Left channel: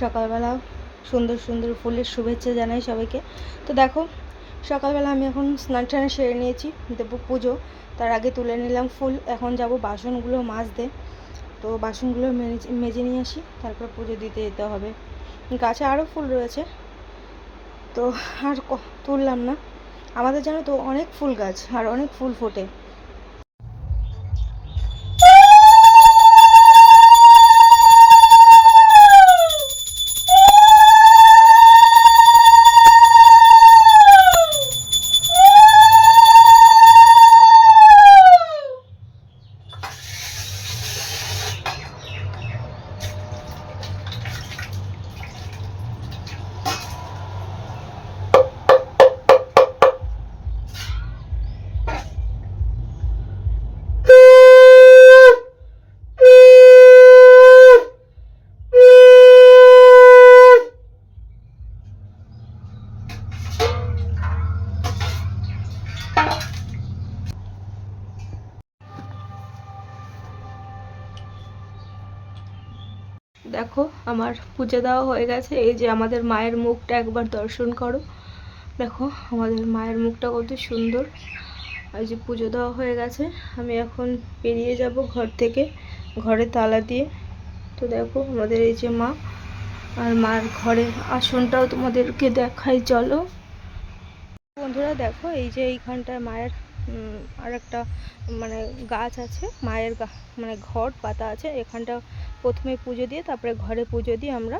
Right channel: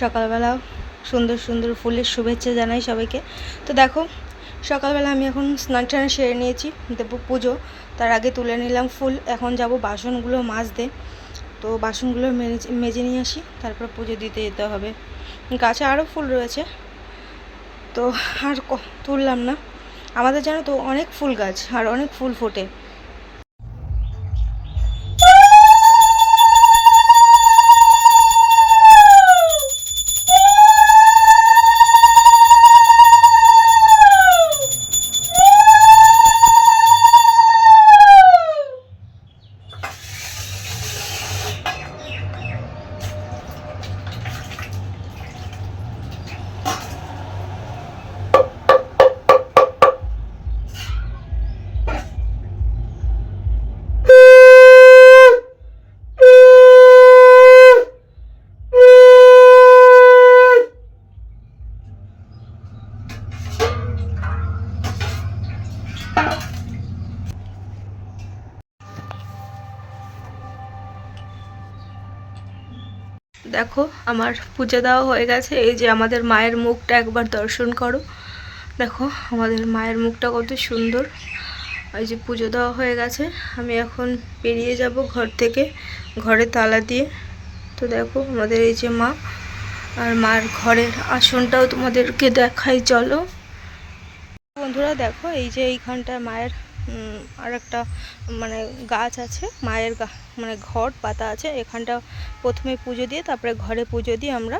সকালবেলা সুন্দর সুন্দর ফুলের শুভেচ্ছা জানাই সবাইকে। তো দেখো সকালবেলা আমি এখন স্নান টান সেরে নিয়েছি, দেবো পুজো। তার আগে তুলে নিলাম ফুল। এখন যাব বাসনগুলো মাজতে। তো বাসনগুলো মেজে নিয়ে আসি, তারপর পুজো দিতে যেতে হবে। গাছে আরও ফুল রয়েছে, তো আর তুললাম না। আমাদের জানো তো অনেক ফুল গাছ আর অনেক ফুল ফোটে। দেখো আমার পুজো দেওয়া হয়ে গেছে। এই যে আমাদের মায়ের মুখটা একবার দর্শন করো। দেখো আমাদের মায়ের মুখটা কত সুন্দর। এই যে পুজো দেওয়া হয়ে গেছে, আমি এখন বেরিয়ে যাব ঘর থেকে, ঘরে তালা দিয়ে। তো দেখো আমাদের এই যে মা, আর মার ঘরের আসনটাও তোমাদেরকে দেখাই চলো। বন্ধুরা দেখো এই যে এইখানটায় মায়ের আর একটা মানে গাছ আছে, মায়ের মানে ঘট পাতা আছে। এখানটা প্রথমে পুজো দিয়ে তারপরে ঘরে পুজো দিই আমরা।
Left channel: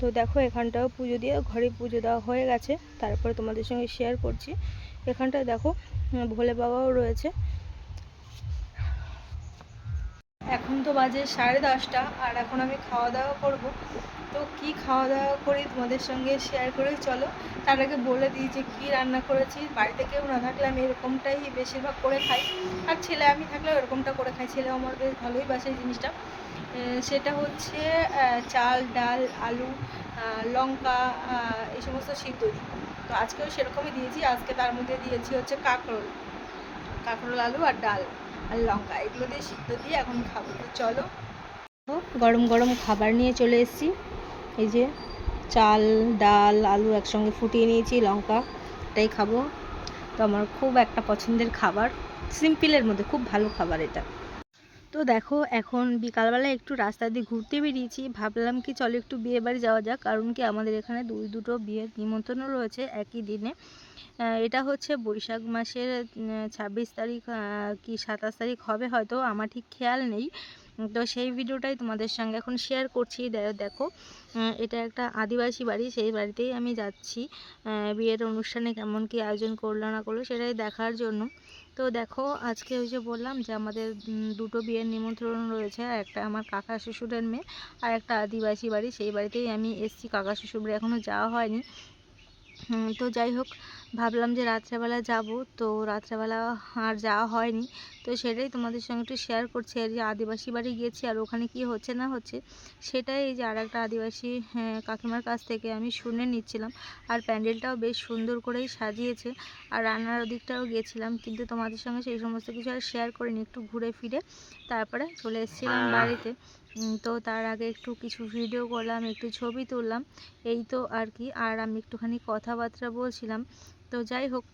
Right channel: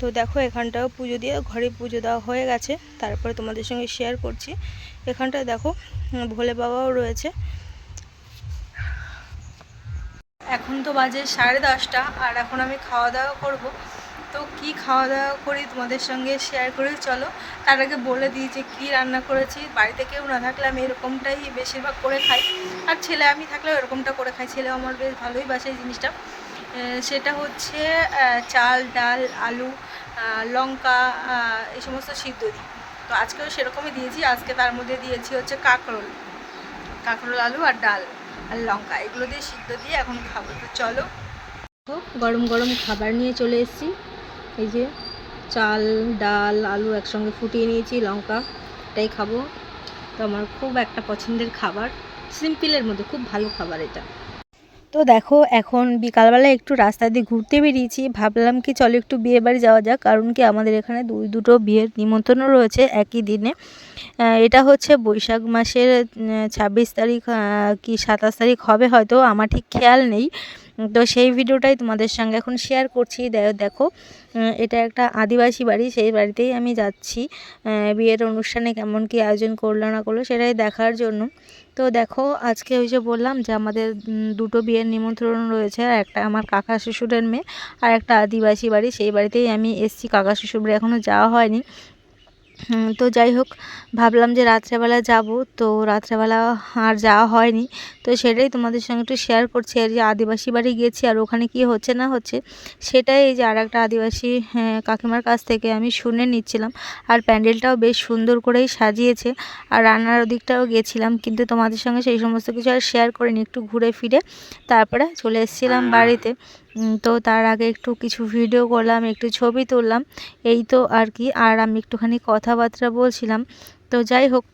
তো দেখো এখানটাও পুজো দিয়ে ঘরে পুজো দেওয়া হয়ে গেছে, তারপরে তোমাদের সঙ্গে শেয়ার করছি। এখানটায় দেখো ভোলে বাবাও রয়েছে। এখন তো বাজে 10:30, আর এখন আমি খাওয়া দাওয়া করব। তো কি খাওয়া দাওয়া করি তোমাদের সঙ্গে শেয়ার করে চলো। তার আগে বলে দিই যে কী রান্না করেছি। বাড়িতে কেউ না থাকলে আমি এরকমটাই বেশিরভাগ করে খাই, আর ছেলে আমি থাকলেও এরকমটা করে খাই। ছেলে আমার বেশ ভালোই বাসে এই জিনিসটা। সেটা হচ্ছে চাল, ডাল, আলু, লঙ্কা, এই সমস্ত সিদ্ধ দিই। তো আজকেও সেরকমই দিয়েছি। আজকে তার মধ্যে দিয়েছি হচ্ছে কাঁকরোল, আলু আর ডাল আর লঙ্কা, এগুলো দিয়ে সিদ্ধ দিয়ে এখন খাবো। তো চলো। গরম গরম খাবার নিয়ে চলে এসেছি। এই যে চাল, ডাল, আলু একসঙ্গে ফুটিয়ে নিয়েছি, লঙ্কা, এটাই খাবো। তো আমার খুব একটা পছন্দের খাবার, সিম্পলের মধ্যে খুব ভালো খাবার এটা। তো দেখো এখন বিকালবেলা একটু রাস্তা দিয়ে ঘুরতে বেরিয়েছি। ভাবলাম কি চলো একটু বিয়ে বাড়ি যাওয়া যাক, কারণ কি আমাদের এখানে দুটো বিয়ের নিমন্ত্রণও রয়েছে একই দিনে। এটা হচ্ছে বৈশাখ মাসের 26 তারিখ কি 27 তারিখ হবে হয়তো, আমার ঠিক খেয়াল নেই। তো সেই ভিডিওটাই তোমাদের সঙ্গে এখন শেয়ার করছি। দেখো এটা একটা আদিবাসী বাড়ি, সেই বাড়িতেই আমি যাচ্ছি। বিয়ের অনুষ্ঠানে কেমন কি আয়োজন করলো না করলো সেটাই দেখার জন্য। তো দেখো আজকে ওই যে বললাম যে আমাদের দুটো বিয়ের নিমন্ত্রণ রয়েছে, আর একটা আমার কাকা শ্বশুরের মেয়ে, আর একটা আদিবাসী বাড়ি, সেই বাড়িতেই আমি এসেছি। কাকা শ্বশুর বাড়ি এখনও যাওয়া হয়নি। তো যাই হোক ভাবলাম যে রাত্রেবেলা যাব, তো রাত্রেবেলা আর যাওয়া হয়নি। তো সেটাই তোমাদের সঙ্গে একটু শেয়ার করছি। আর যে আদিবাসী বাড়ি গিয়েছি আর ওখানে কি হচ্ছে না হচ্ছে সেটাই এই যে আর একটা আদিবাসী কাকিমার কাছ থেকে আমি শুনে নিচ্ছিলাম। আর প্যান্ডেলটাও বেশ সুন্দর করেই সাজিয়েছে, আর রান্নার ওদিকটাও গেছিলাম, কিন্তু তোমাদের সঙ্গে সেই সমস্ত কিছু আর শেয়ার করিনি। একটু ঘুরে ফিরে তারপরে চলে এসেছিলাম বাড়িতে। তো তার আগে একটু কিছু ভিডিও করলাম, একটু ছবি তুললাম, এই তো আর কি। আর আমি একটুখানি কথাবার্তা বলছিলাম। তো যাই হোক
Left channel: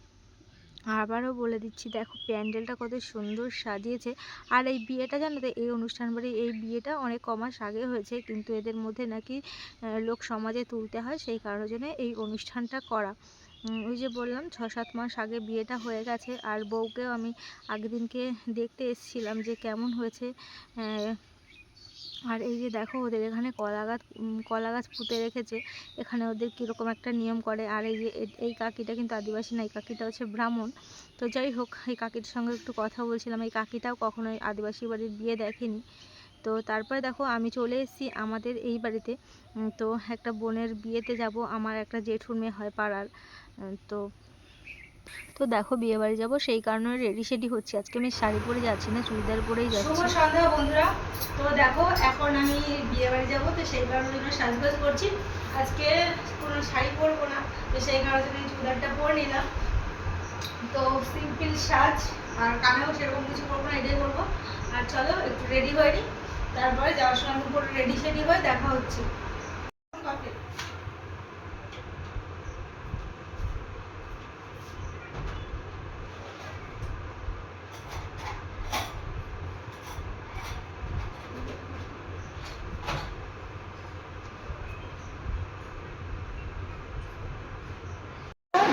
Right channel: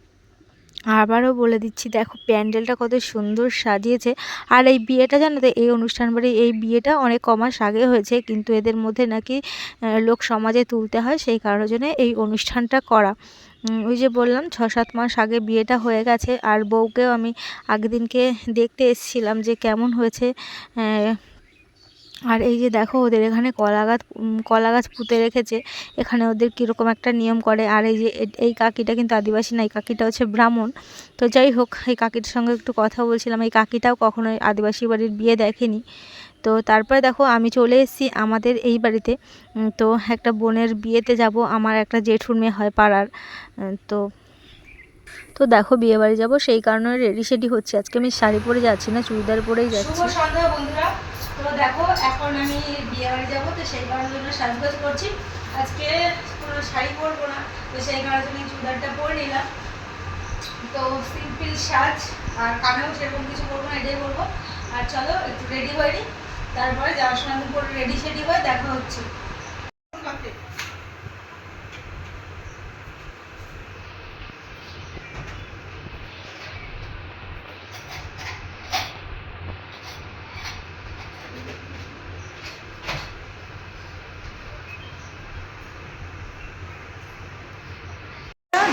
আবারও বলে দিচ্ছি, দেখো প্যান্ডেলটা কত সুন্দর সাজিয়েছে। আর এই বিয়েটা জানো তো, এই অনুষ্ঠান বাড়ি এই বিয়েটা অনেক কমাস আগে হয়েছে, কিন্তু এদের মধ্যে নাকি লোক সমাজে তুলতে হয়, সেই কারণের জন্য এই অনুষ্ঠানটা করা। ওই যে বললাম 6-7 মাস আগে বিয়েটা হয়ে গেছে। আর বউকেও আমি আগের দিনকে দেখতে এসেছিলাম যে কেমন হয়েছে। আর এই যে দেখো ওদের এখানে কলা গাছ পুঁতে রেখেছে। এখানে ওদের কীরকম একটা নিয়ম করে। আর এই যে এই কাকিটা কিন্তু আদিবাসী না, এই কাকিটা হচ্ছে ব্রাহ্মণ। তো যাই হোক এই কাকিটার সঙ্গে একটু কথা বলছিলাম। এই কাকিটাও কখনোই আদিবাসী বাড়ির বিয়ে দেখেনি। তো তারপরে দেখো আমি চলে এসেছি আমাদের এই বাড়িতে। তো একটা বোনের বিয়েতে যাব, আমার একটা জেঠুর মেয়ে হয় পাড়ার। তো তো দেখো বিয়ে বাড়ি যাবো, সেই কারণে রেডি সেডি হচ্ছে। আজকে আমি শাড়ি পরে যাচ্ছি না, চুড়িদার পরেই যাচ্ছি। শুভ সন্ধ্যা বন্ধুরা। তো দেখো এখন আমি বিয়ে বাড়ি যাবো, তো সেই কারণের জন্য সাজগোজ করছি। আজকে কোনো শাড়ি পরবো না, তো সেই কারণের জন্য চুড়িদারটা পরে নিলাম। তো সিম্পল সাজ, আর কানেও সেরকম কিছু করবো না, এটাই করবো। আর চলো একটু রেডি হয়ে নিই, তারপরে যাওয়ার সময় পরে রেডি সেডি হয়ে দেখা হচ্ছে।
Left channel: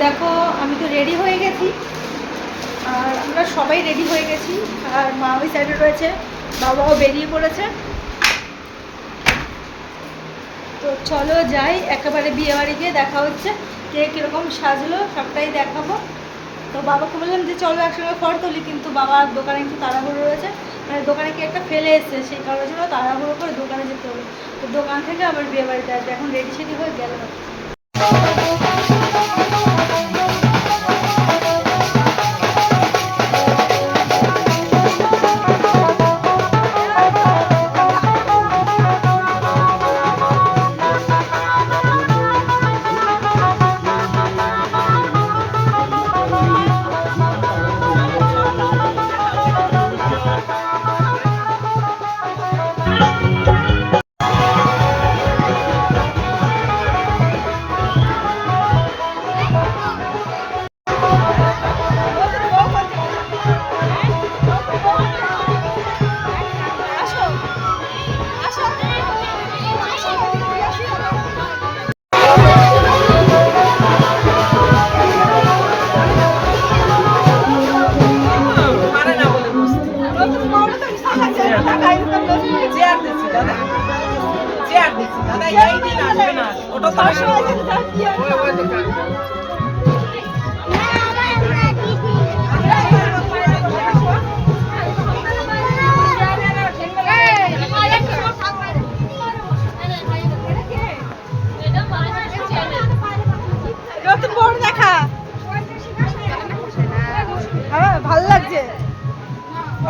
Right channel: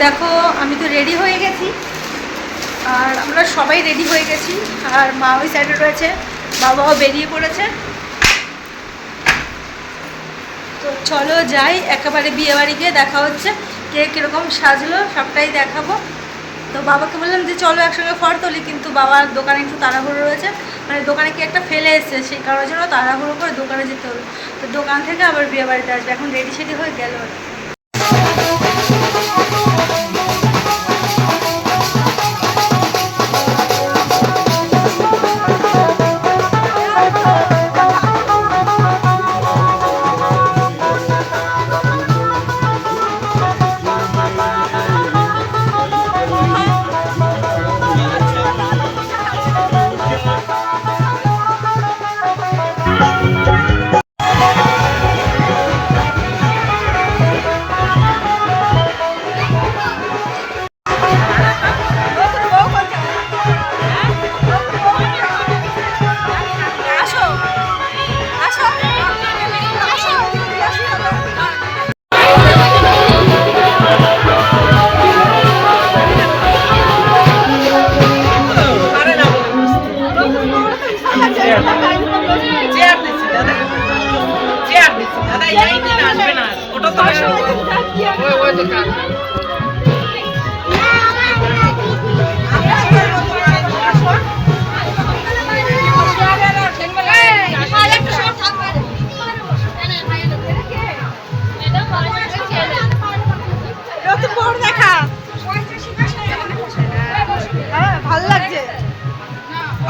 দেখো আমি তো রেডি হয়ে গেছি, আর আমরা সবাই রেডি হয়ে গেছি, আর মা ওই সাইডে রয়েছে, বাবাও বেরিয়ে পড়েছে। তো চলো যাই, একেবারে বিয়েবাড়ি গিয়ে দেখা হচ্ছে, কে কীরকম সাজলো সবটাই দেখাবো। তো বাবাকে বললাম যে চলো একসঙ্গে ফটো তুলি, কিন্তু বাবার দোকানে একটু তাড়াহুড়ো রয়েছে, মানে দোকানে কি একটা ফেলে এসছে, সেই কারণের জন্য তাড়াহুড়ো করে দোকানে যেতে হলো। তো দোকান থেকে আবার বিয়েবাড়িতে আসবে, এখন রেডি সেডি হয়ে গেল।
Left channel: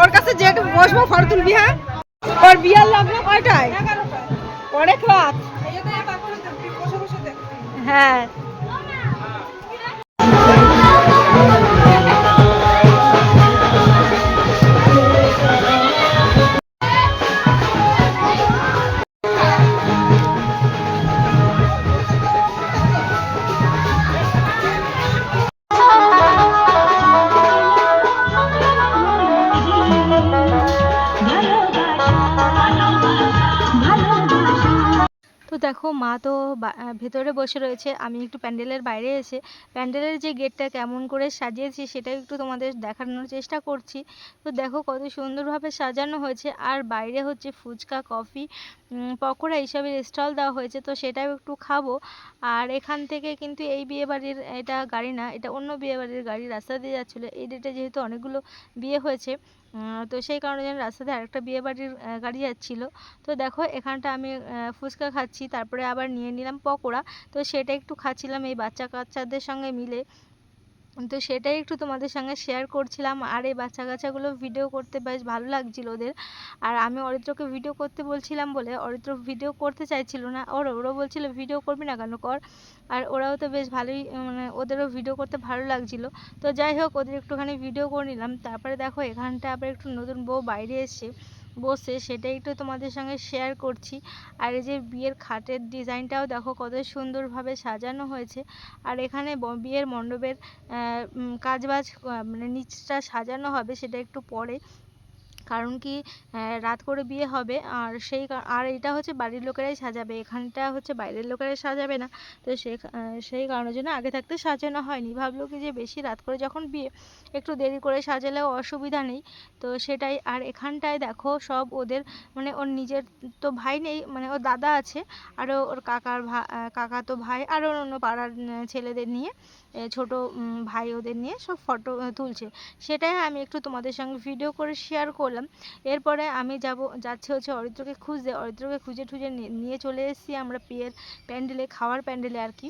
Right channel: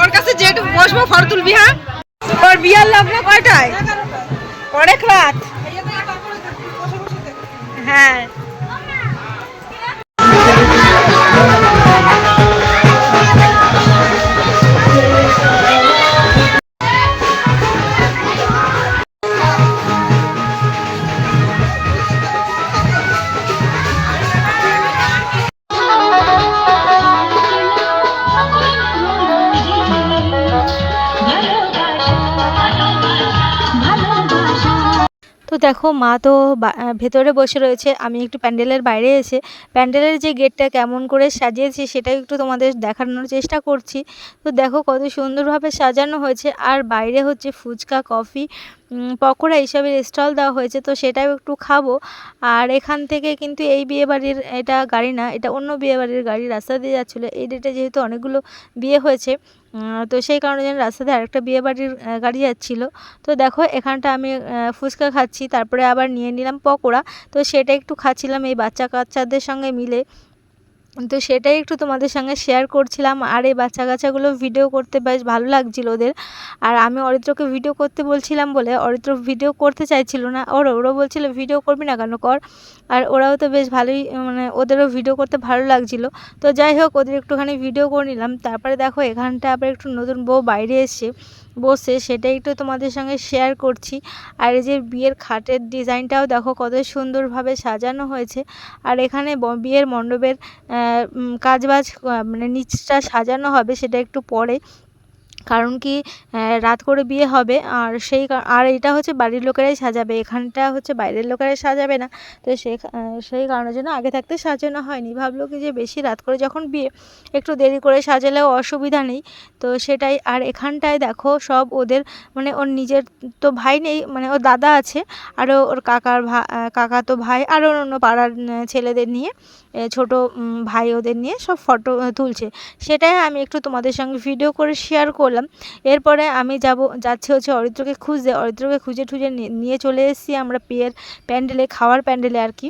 ওর কাছে যেটু বসবো ফটো তুলবি। হ্যাঁ, ওর বিয়ার লগ্ন কয়টায়? অনেক রাত। হ্যাঁ তো দেখো মা তো ভেতরে বসে রয়েছে, আমি একটু প্যান্ডেলের বাইরে এসে প্যান্ডেলের যে গেটটা কেমন করে সাজিয়েছি সেটাই একটু তোমাদের দেখানোর চেষ্টা করছি। তো দেখো কত সুন্দরভাবে সাজানো হয়েছে, আর বাইরে হচ্ছে ফুচকা, কফি, পকোড়া এইসবের স্টল দেওয়া হয়েছে, তো সেটাও একটু খাবো। আর এখান থেকে কিন্তু এই বিয়েবাড়ির এটা গাড়ি না, এটা অন্য বিয়েবাড়ির গাড়ি রাস্তা দিয়ে যাচ্ছিলো। এই ডেটে যেহেতু অনেকগুলো বিয়ে হয়েছে, তো সেই কারণে যেন রাস্তাতে আরেকটা বিয়েবাড়ির গাড়ি যাচ্ছিলো। তো দেখো এখানটা আমি ফুচকা খাচ্ছি, তারপরে আবার নিয়ে নিলাম পকোড়া, তো সেটা একটু খাচ্ছিলাম এই বাচ্চা কাচ্চাদের সঙ্গে মিলে। তো সেটাই একটু তোমাদের সঙ্গে শেয়ার করছিলাম, আর এই বাচ্চা কাচ্চাগুলো ভিডিও করতে বেশ ভালো লাগছিল ওদের। আর আমি অরিত্রকে ভিডিও করতে বলছিলাম বলে অরিত্র ভিডিও করতে চাইছিল না, ওরা বলছিল ভিডিও করবি না কেন, কর। আর ওরাও তো বেশ ভালোই, মানে ওদেরও ভিডিও করতে ভালো লাগছিল। তো যাই হোক ওদের একটুখানি ভিডিও করে নিলাম। তারপরে দেখো এখানটা আবার একটু নতুন বউ বাইরে এসছে বসে, সেটাই একটু তোমাদের সঙ্গে শেয়ার করছি। আর এই যে বিয়ের খাটের ডিজাইনটাও দেখো কত সুন্দরভাবে সাজানো হয়েছে। আর এখানে বিয়ের মণ্ডপের কাজবাজ, মানে নিচটা সাজানো হবে সেটা একটু পরে, কারণ কি রাত করে বিয়ে হবে, আর আর এটা হচ্ছে বাড়ির লোকেরাই সাজাবে, এখানটা হচ্ছে বাইরের লোকেরাই সাজাবে না। তো সেই কারণের জন্য আগে থাকতে সাজানো হয়নি, ভাবলো কি যে বেশি রাত করে যখন বিয়ে একটু দেরি করে সাজালেও অসুবিধা নেই। তো সেটাই। আর এখানটায় দেখো সব ওদের, মানে ওর নিজের তো ভাই নেই, মানে ওর দাদা আছে, আরও ওর কাকা তো ভাই, আরও অন্য পাড়ার ছেলেদের নিয়ে, ছোট ভাই ওদের নিয়ে সব ফটো তুলছে। সেটাই আমি একটু তোমাদের সঙ্গে ভিডিও করে শেয়ার করলাম। এরপরে আমি যাচ্ছি হচ্ছে অরিত্রকে খুঁজে টুজে নিয়ে চলে এসেছি আমরা প্যান্ডেলে, খাওয়ার প্যান্ডেলে আর কি।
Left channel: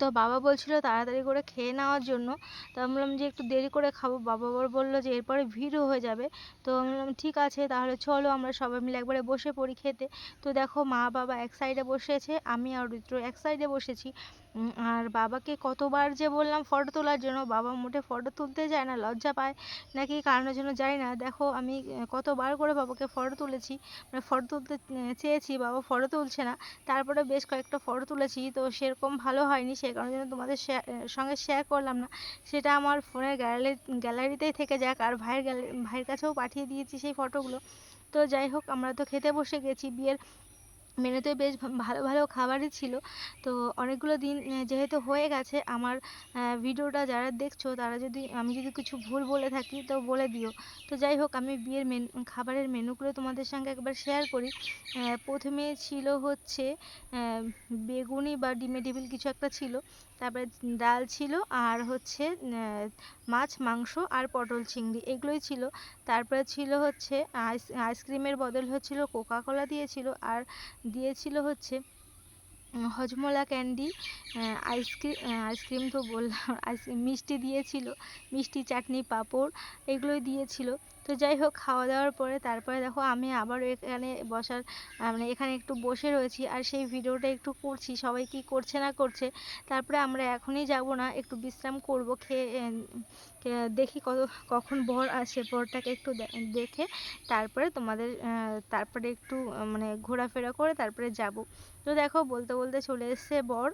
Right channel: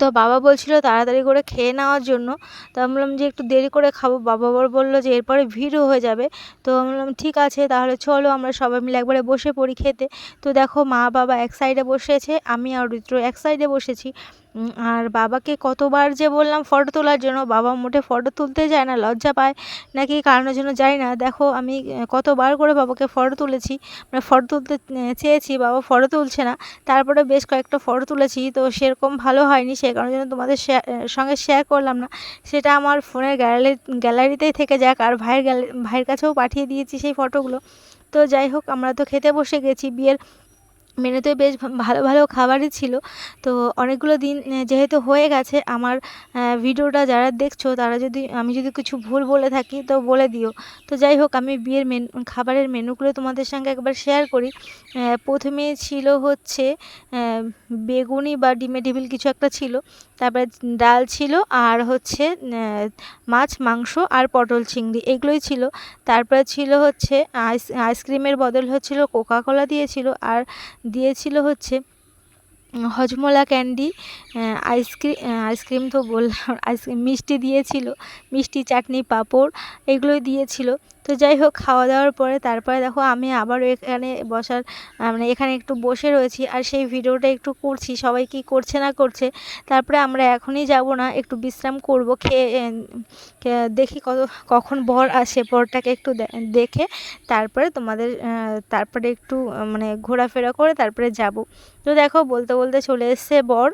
তো বাবা বলছিল তাড়াতাড়ি করে খেয়ে নেওয়ার জন্য। তো আমি বললাম যে একটু দেরি করে খাবো, বাবা আবার বললো যে এরপরে ভিড়ও হয়ে যাবে। তো আমি বললাম ঠিক আছে তাহলে চলো আমরা সবাই মিলে একবারে বসে পড়ি খেতে। তো দেখো মা বাবা এক সাইডে বসেছে, আমি আর অরিত্র এক সাইডে বসেছি। আর বাবাকে কতবার যে বললাম ফটো তোলার জন্য, বাবা মোটে ফটো তুলতে যায় না, লজ্জা পায় নাকি কারণের জন্য জানি না। দেখো আমি কতবার করে বাবাকে ফটো তুলেছি, মানে ফটো তুলতে চেয়েছি, বাবা ফটো তুলছে না। তারপরে বেশ কয়েকটা ফটো তুলেছি, তো সেরকম ভালো হয়নি, সে কারণের জন্য তোমাদের সঙ্গে শেয়ার করলাম না। সেটা আমার ফোনের গ্যালারিতেই থেকে যাক, আর ভাইয়ের কাছেও পাঠিয়ে দিয়েছি সেই ফটোগুলো। তো যাই হোক আমরা তো খেতে বসে গেছি, বিয়ের মেনুতে বেশ ভালো ভালো খাবারই ছিল। তো অনেকগুলো দিন যেহেতু হয়ে গেছে আমার ভিডিওটা যারা দেখছো তারা যদি আমি যদি কিছু ভুল বলে থাকি তো বলে দিও। তো যাই হোক আমি বিয়ের খাবারের মেনুগুলো তোমাদের সঙ্গে একবার শেয়ার করি। ১ম এ ছিল হচ্ছে বেগুনি বা ডিমে ডেভিল কিছু একটা ছিল। তারপরে ডাল ছিল আর হচ্ছে মাছ, মাংস আর পটল চিংড়ি এগুলোই ছিল। তারপরে ছিল হচ্ছে আইসক্রিমের বদল হচ্ছিল কোকা কোলা দিয়েছিল আর দিয়েছিল হচ্ছে হজমোলা ক্যান্ডি, আইসক্রিম তো বললাম, আইসক্রিম মিষ্টি দিয়েছিল, মিষ্টি, চাটনি, পাঁপড় এগুলোই দিয়েছিল। তো যাই হোক খাওয়া দাওয়ার পরে তারপরে দেখো আমি আবারও এখানে মানে এখানে একটু বসে রয়েছি আর সেই ভিডিওটা একটু করছি সবাই কি করছে না করছে। তারপরে আমরা এখনই যাব না, একটু বিশ্রাম করব, খেয়ে দেখি কখন বর আসে, বরটাকে একটু দেখে তারপরে তারপরে একটু মানে ঘোরাফেরা করে তারপরে যাব। তো দেখো বলতে বলতে চলে এসছে বর।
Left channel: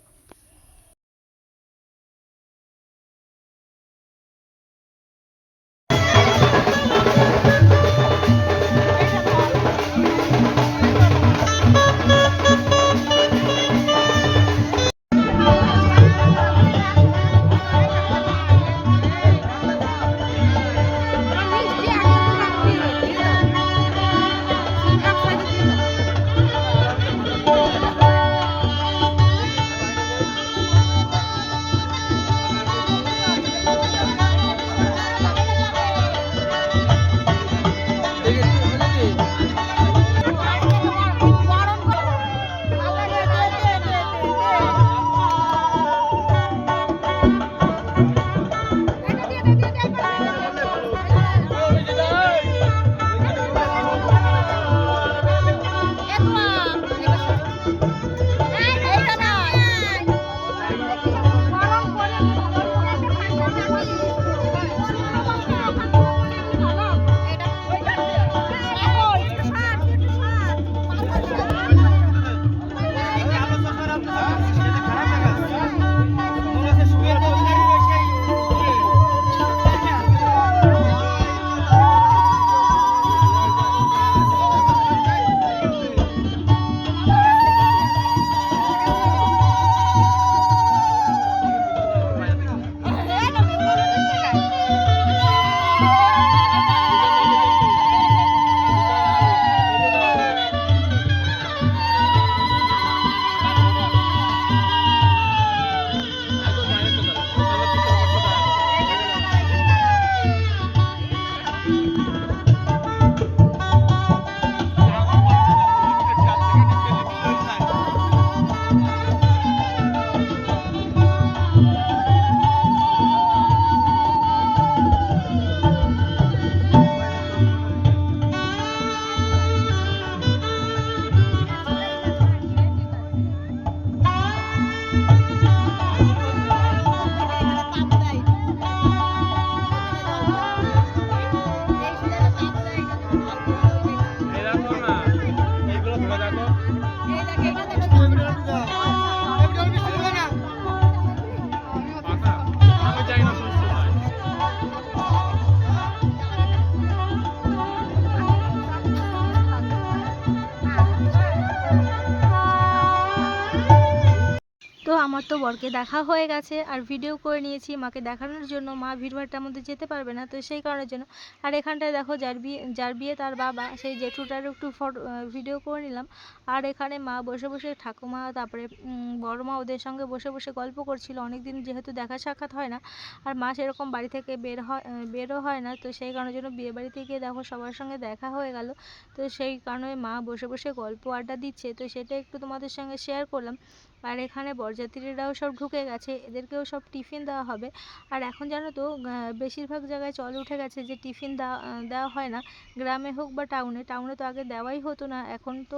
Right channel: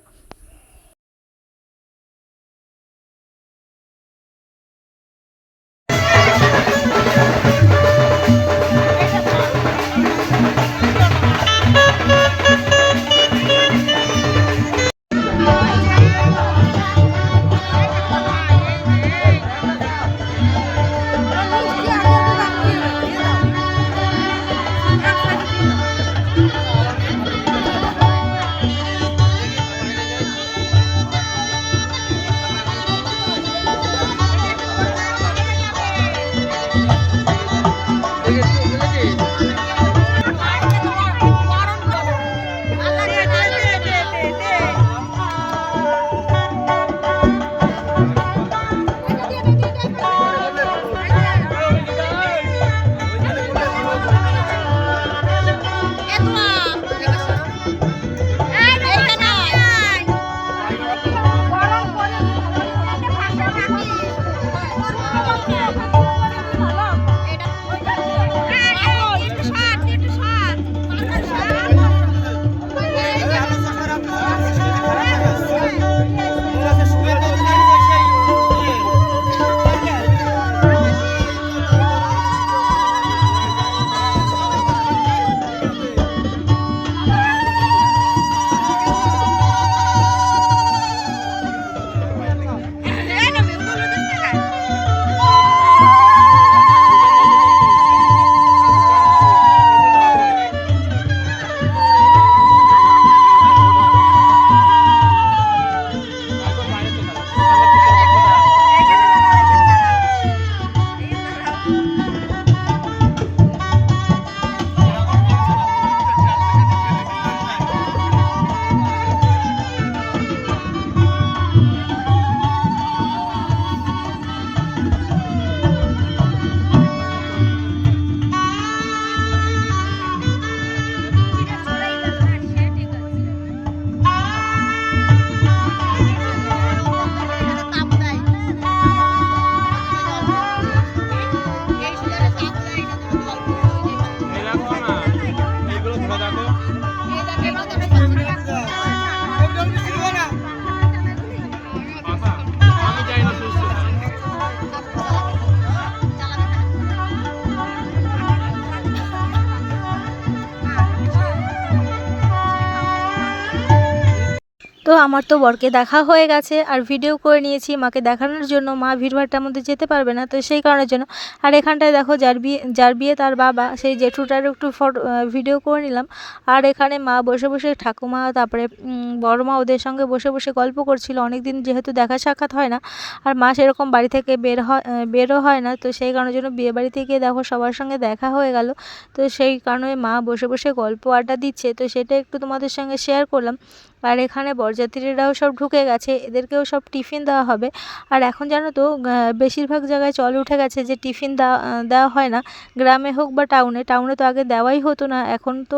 তো আমার তো বরকে দেখা হয়ে গেছে আর ভিডিও করে নিয়েছি মাকে দেখানোর জন্য। মা ভিড়ভাট্টার মধ্যে যেতে পারবে না, তো সেই কারণের জন্য। আর এখানটায় দেখো যার বিয়ে তার বাবা, সেই জেঠুটার একটু ভিডিও করে নিলাম। আর এখানে মা বসে বসে, ঠাকুমা তারপরে বড় মা ওদের সঙ্গে বসে বসে গল্প করছিল। অনেক দিন যেহেতু দেখা সাক্ষাৎ হয় না আর মা সেরকম বাড়ি থেকে বেরও হয় না, তো সেই কারণের জন্য বিয়ে বাড়িতে গিয়ে দেখো সবার সঙ্গে দেখা হয়ে গেল। তো সেই কারণে মা বসে বসে গল্প আড্ডা দিচ্ছে, তো সেটা একটু তোমাদের সঙ্গে শেয়ার করলাম। আর এখানে বরযাত্রীরাও সব ঢুকে গেছে, এদেরকেও সব টিফিন দেওয়া হবে। আর এখন জানো তো বেশিরভাগ জায়গায় চল উঠে গেছে যে টিফিন দেওয়া হয় না, গ্রামে হোক বা টাউনে। টাউনে তো আগে দেওয়াই হতো না, এখন তো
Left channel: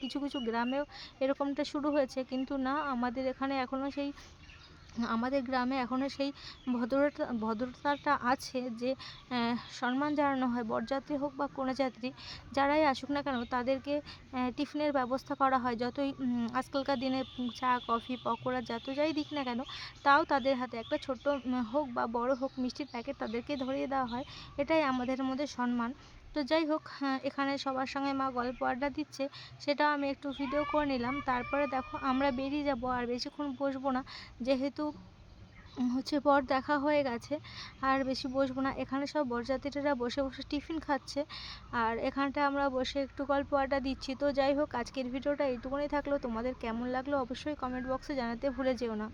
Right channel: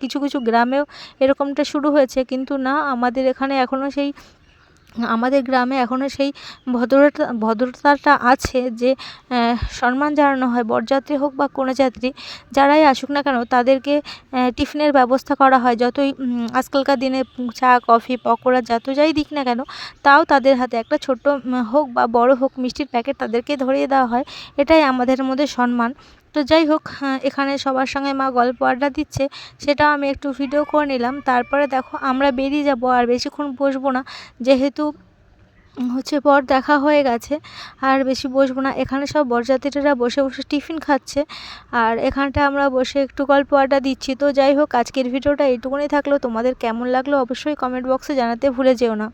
কিছু কিছু গ্রামেও এরকমটা শুরু হয়েছে, কিন্তু না, আমাদের এখানে এখনও আমাদের গ্রামে এখনও সেই ভদ্রতাটা আছে যে সম্মান জানানো হয়, বরযাত্রী হোক বা কনেযাত্রী যারাই আসুক না কেন তাদেরকে টিফিনের ব্যবস্থা করা হয়। যতই আজকালকার দিনে চা, কফি, পকোড়া যত যাই দিক না কেন, তাও তাদের হাতে একটা ছোট্ট হোক বা বড় হোক মিষ্টির প্যাকেট তাদেরকে ধরিয়ে দেওয়া হয়। এটাই আমাদের মধ্যে সম্মান। তো যাই হোক, এখানে সবার সঙ্গে মা গল্প আড্ডা দিচ্ছে, সেটাও আমি একটু ভিডিও করে নিলাম। তারপরে দেখো আমরা বেরিয়ে যাব, আর বেশিক্ষণ বসবো না, যেহেতু হচ্ছে বর দেখা হয়ে গেছে, আর বেশি বসবো না। এখানে সব বরযাত্রীরা বসে বসে টিফিন খাচ্ছে, আর এখানটা আমরা বসে একটু গল্প আড্ডা দিচ্ছি। তো যাই হোক, আজকের ভিডিওটা এইটুকুনি থাকলো। তোমাদের কেমন লাগলো অবশ্যই কমেন্ট বক্সে জানাতে ভুলে যেও না।